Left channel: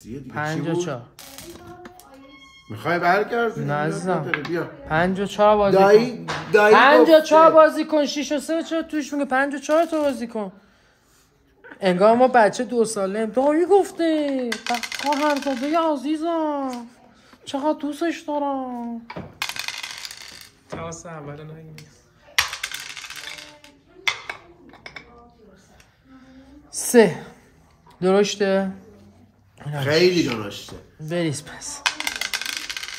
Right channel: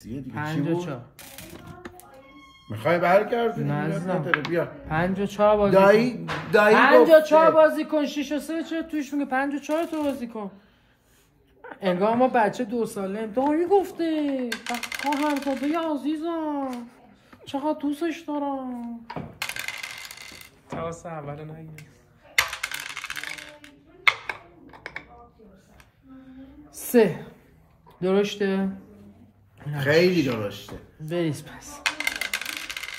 دیگه چی بود؟ 54 میخوای برگردونی؟ نه عزیزم. بیا 54 بازی دایی 54 بازی کن 6 و 3 چرا توش میگه 54 تا بازی کن. انگار ما بچه 2 ساله دایی گفته هم تازه عزیزم چقدر دوستش دارم. تاس اول نگیم 3 درسته؟ خیلی درشته. بریز پس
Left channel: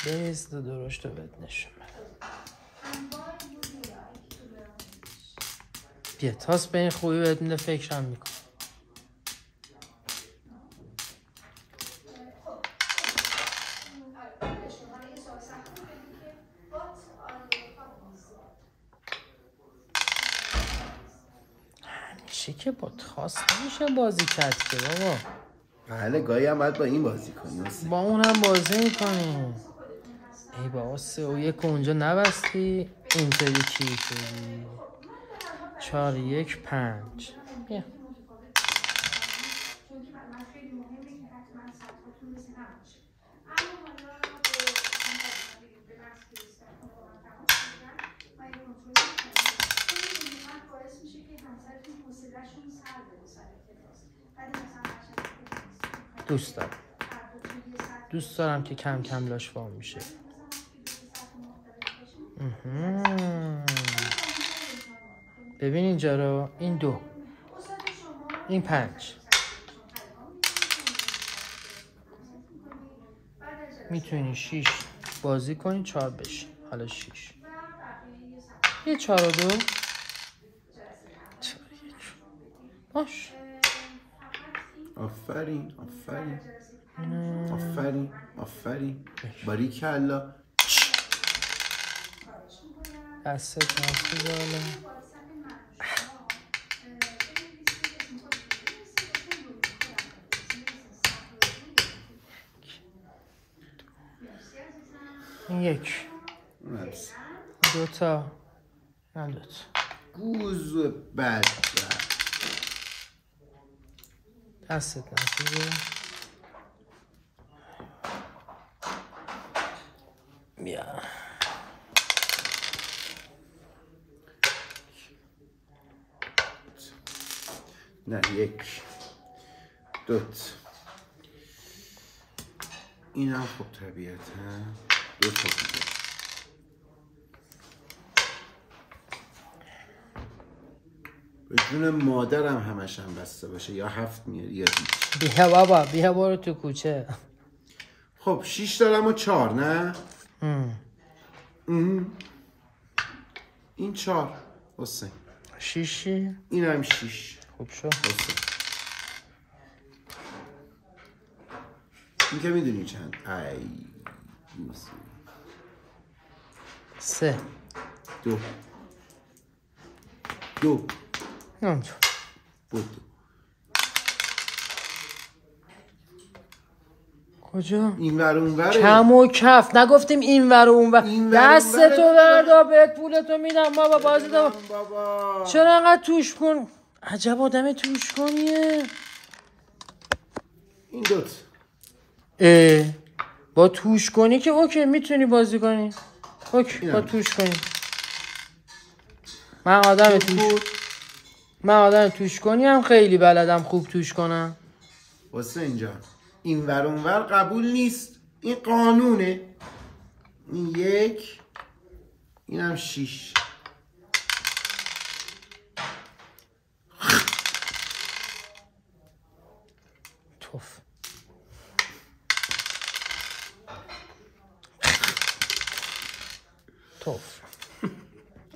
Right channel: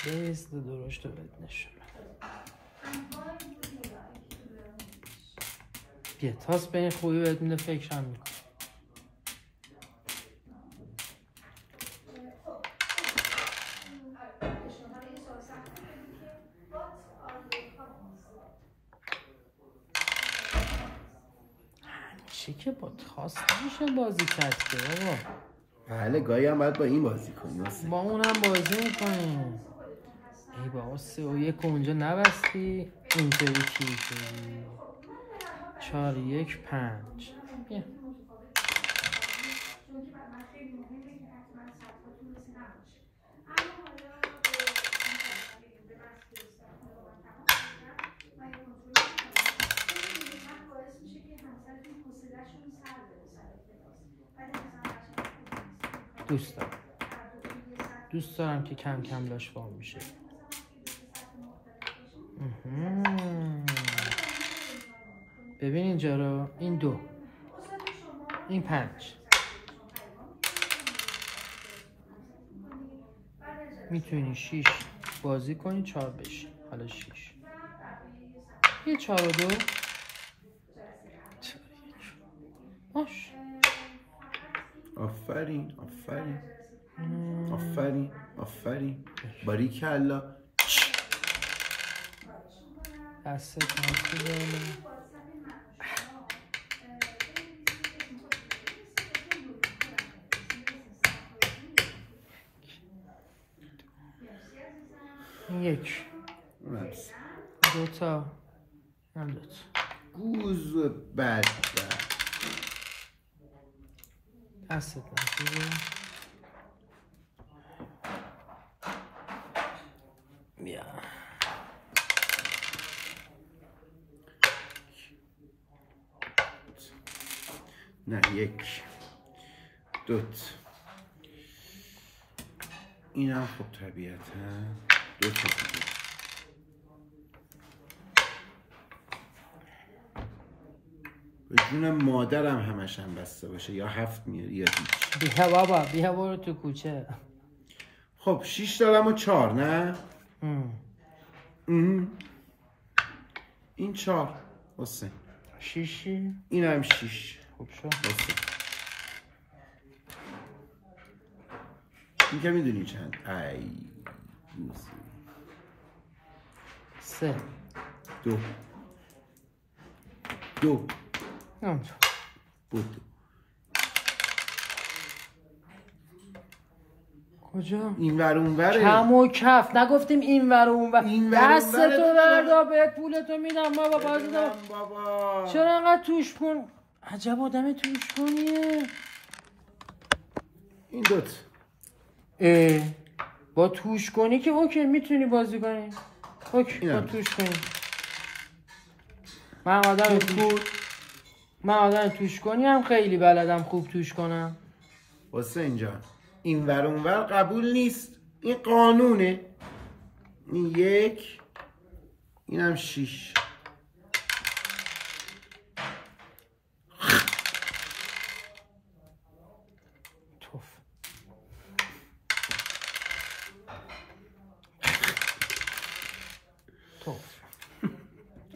بریز درشته بهت نشون بیا تاس به این خوبی بهت میده فکرم میکنم. همیشه که با تاس نمیشه بازی کرد که بابا. بله گاهی هم باید با این بازی کنی با اون هم بازی میکنیم. ای بابا 3 و 1 اونجا نبستی اینطوری چی کنی 4 1 5 بیا دوست دارم که کم کم لاش فرم میشه. ببین اینجا رو این 2 این 5 میتونی 6 بازی کنی 4 بشی. حالا 6 یه 4 و 2 باش. آفرین آفرین آفرین آفرین باریکلا. دستت نسی بالا. یک 2 تا نداد گوز بد دستت نسی بیا نه 1 2 این هم خب طبیعتا 2 تا دیگه. به جون مادرم همش هم بسته باشه یا 7 میاری یا هیچ. بیا بابا بیا برو تو کوچه. خب 6 دارم و 4 نه؟ این 4 حسین 6 این هم 6 خوب شد حسین. این که میدونی چند؟ ای گوزی 3 2 اونجا بود. کجا؟ این ور اون وره. کم و کف نگفتیم این ور و اون ور. دستتو بردا بهت پولتو میدم بابا بازی دار بابا. چرا انقدر توش کن؟ عجب آدم توش کنیه. این 2 با توش کنی که اوکی میتونی بازی کنی. اوکی با توش کنی. من آدم توش کنی هم خیلی بلدم خوب توش کنم. حسین جان این ور اون ور قبول نیست. این قانونه. این 1 این هم 6 توف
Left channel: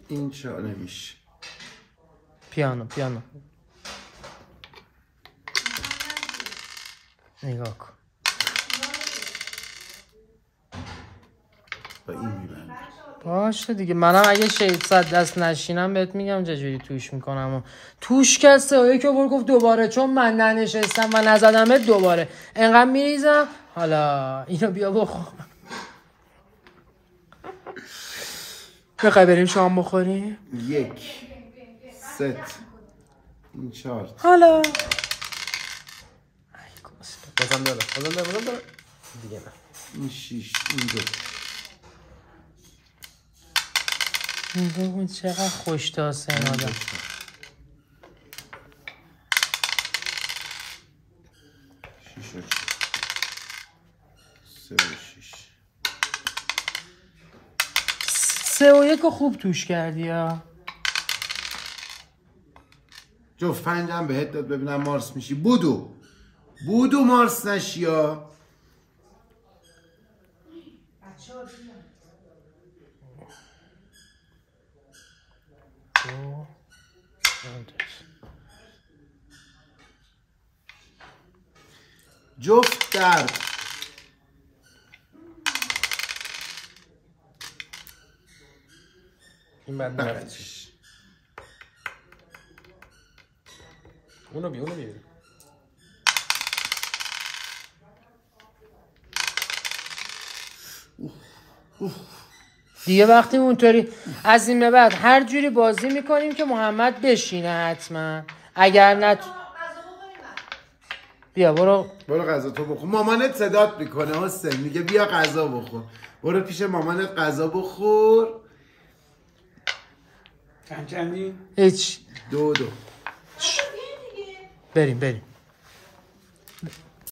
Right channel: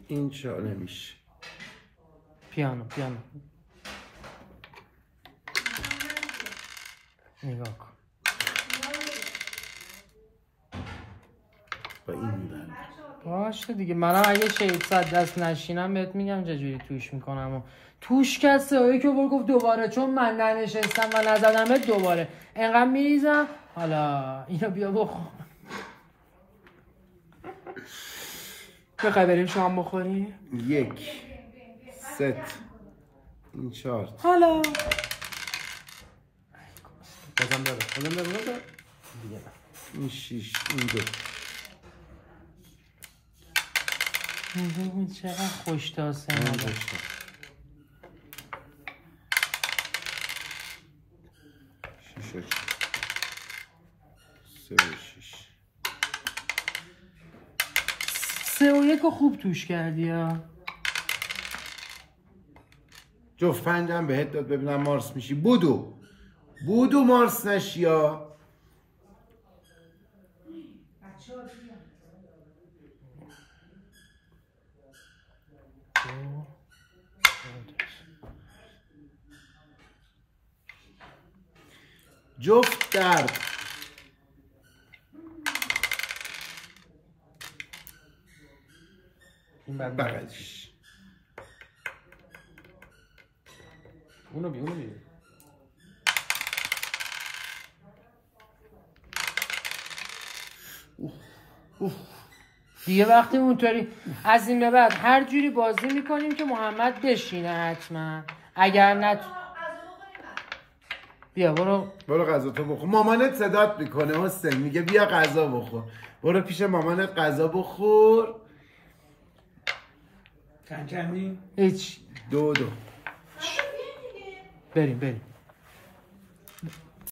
این چرا نمیشه. پیانو نگاه کن با این میبندم. باشه دیگه منم اگه 600 دست نشینم بهت میگم چجوری توش میکنم. و توش کسه و یکی برو گفت دوباره چون من ننشستم من نزدمه دوباره انقدر میریزم. حالا اینو بیا بخور. بخوای بریم شام بخوریم؟ 1 ست این 4 حالا بزن داره دیگه این 6 این 2 این ببین چقدر خوشتاسه این مادر 2 6 و 3 و 6 3 و 1 رو خوب توش کردی ها. جفت پنجم بهت داد ببینم مارس میشی. بودو مارس نشی ها. جفت درد این بند بغلش. اونو بیا دیگه وقتی اونطوری از این به بعد هر جوری بازی میکنیم که محمد بشینه حتما. اگر نه بیا برو غذا تو بخور. مامانت صدات میکنه حسین، میگه بیا غذا بخور. برو پیش مامانت غذا بخور. چندی؟ هیچ 2 بریم